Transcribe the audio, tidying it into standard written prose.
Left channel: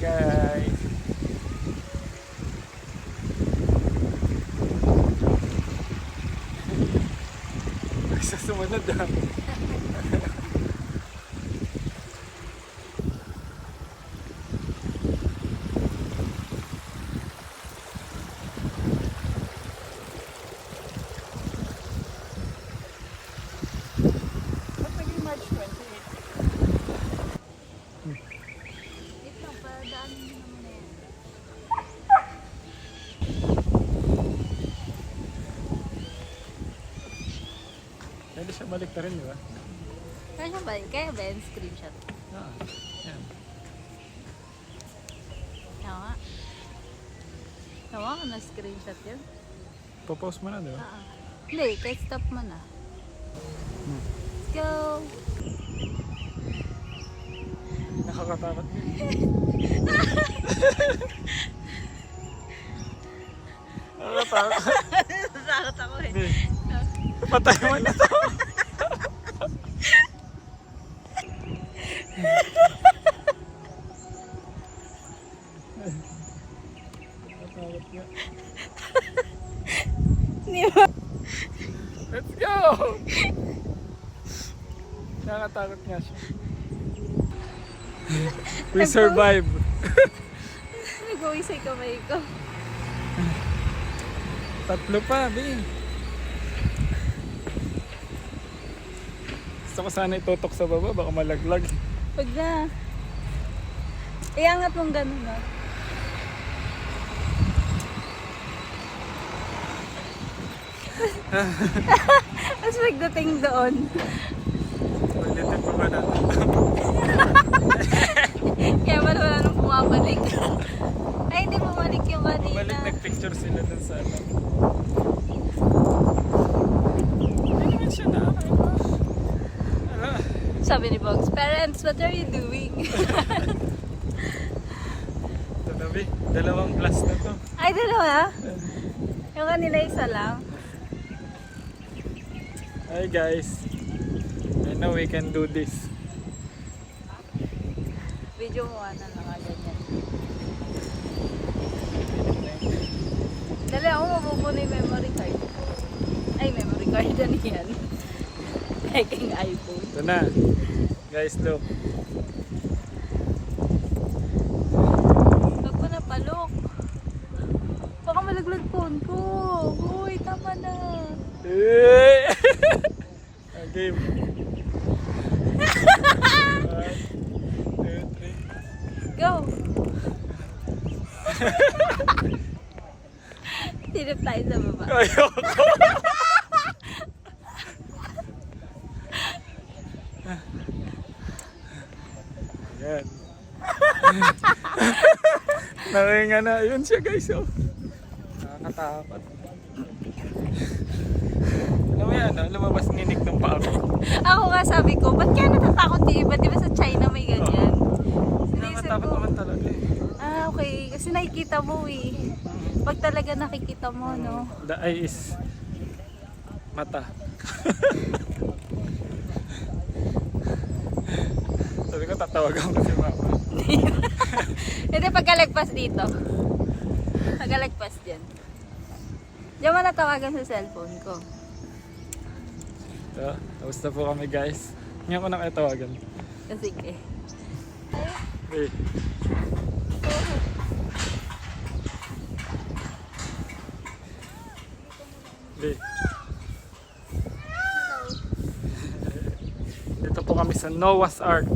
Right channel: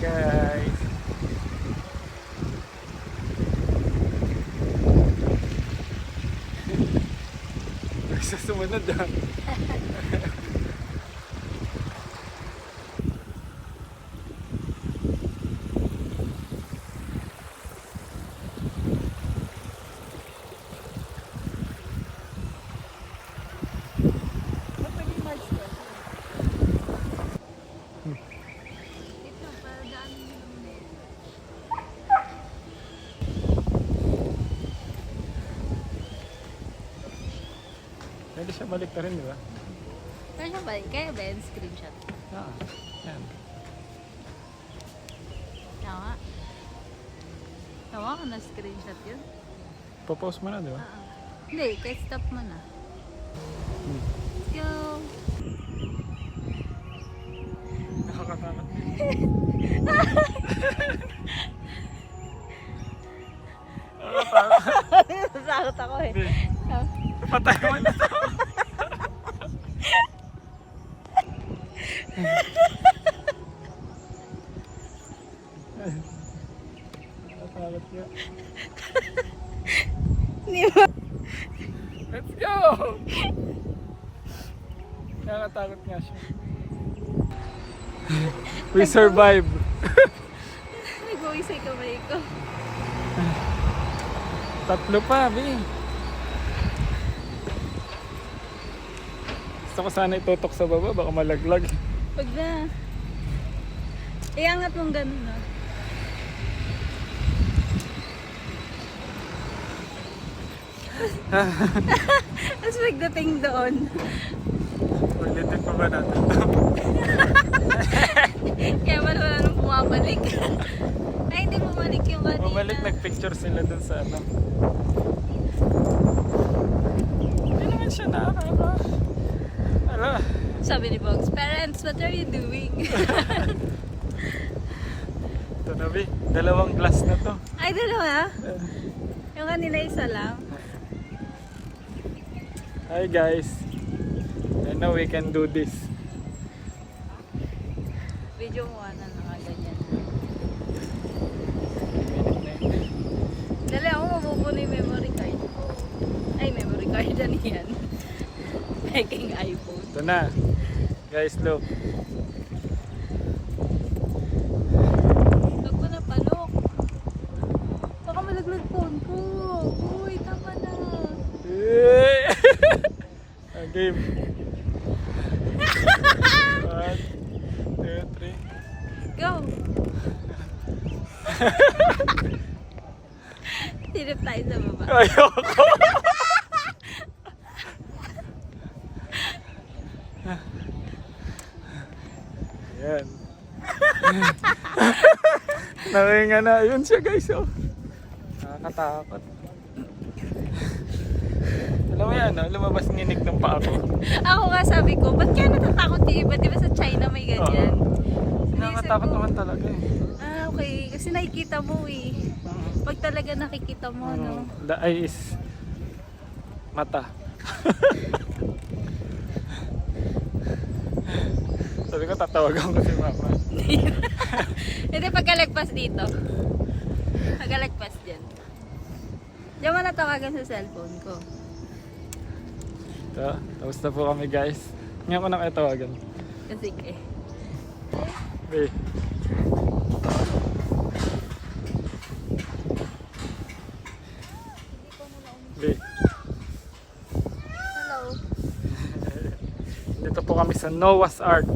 guys. Bisa sumunod ah. Ba't naging March 20? Wait lang, padaan mo naman na yan. Pwede siya balik na rin, di ba? Kaya siya ba? Kaya ba yung screenshot? Ah, yan. Tama. Tama ka na screenshot yun? Popost mo na, di ba? Hindi, kahit stop mo na. Let's go! Nakakatakot mo. Nakakatakot. Nasakot ako eh. Patay mo na to. Nakakatakot yun. Let's go! Nakakatakot nga siya. We survive. Nag-uwi sa kamay ko. Tatlo pa, Bi. Gusto ko sana itutok sa baba, baka malaglag. Pag na. Iangat mong ganun na. Tapos pagdating doon. Ulitin pa ba natin? Kaya wala nang bumabalik. Ay, hindi bumalik yung kanina. Bumalik, nagpicture sila dun sa ano. Ano siya nakakaiba? Ano? Sabi ni Box, parents, what are you doing? Ito na, Bi. Dalawang glass na to. Ay, dalawa? Yung kanina isa lang. Hi guys. I know we can do this. Video mo na nakaganyan. Dali ako mabubuo na yung memory card. Ay, memory card yan yan. Making iPhone. Ito na. Guys, look. Huwag ko na palok. Baka malaglag phone ko. Uy, tama na. Game. 1, 2, 3. Go! Silip tayo sa baba. Ayoko. Yan. Nakinga na. Yun siya guys. Oh. Nakakatakot. Alam mo yan, no? Lumabas nginig ng paa ko. Ako nga sabi ko, ba't kaya natatakot yung iba? Di ba sa China may ganyan? Nakakatakot naman talaga eh. Ah, okay. Kasi nakikita mo eh. Pag talaga nakikita mo, no? The eye is mata. Sabi ko, tatawagan ko si mama. Hindi, pagkalagpas dito. Pagkalagpas dyan. Diyan mo natawagan sa cellphone ko. Ito, tapos na po kami guys. Ngayon ko na kayo tawagan. Sige. Hey. Hey. Hello. Dito po kami sa Noah's Ark.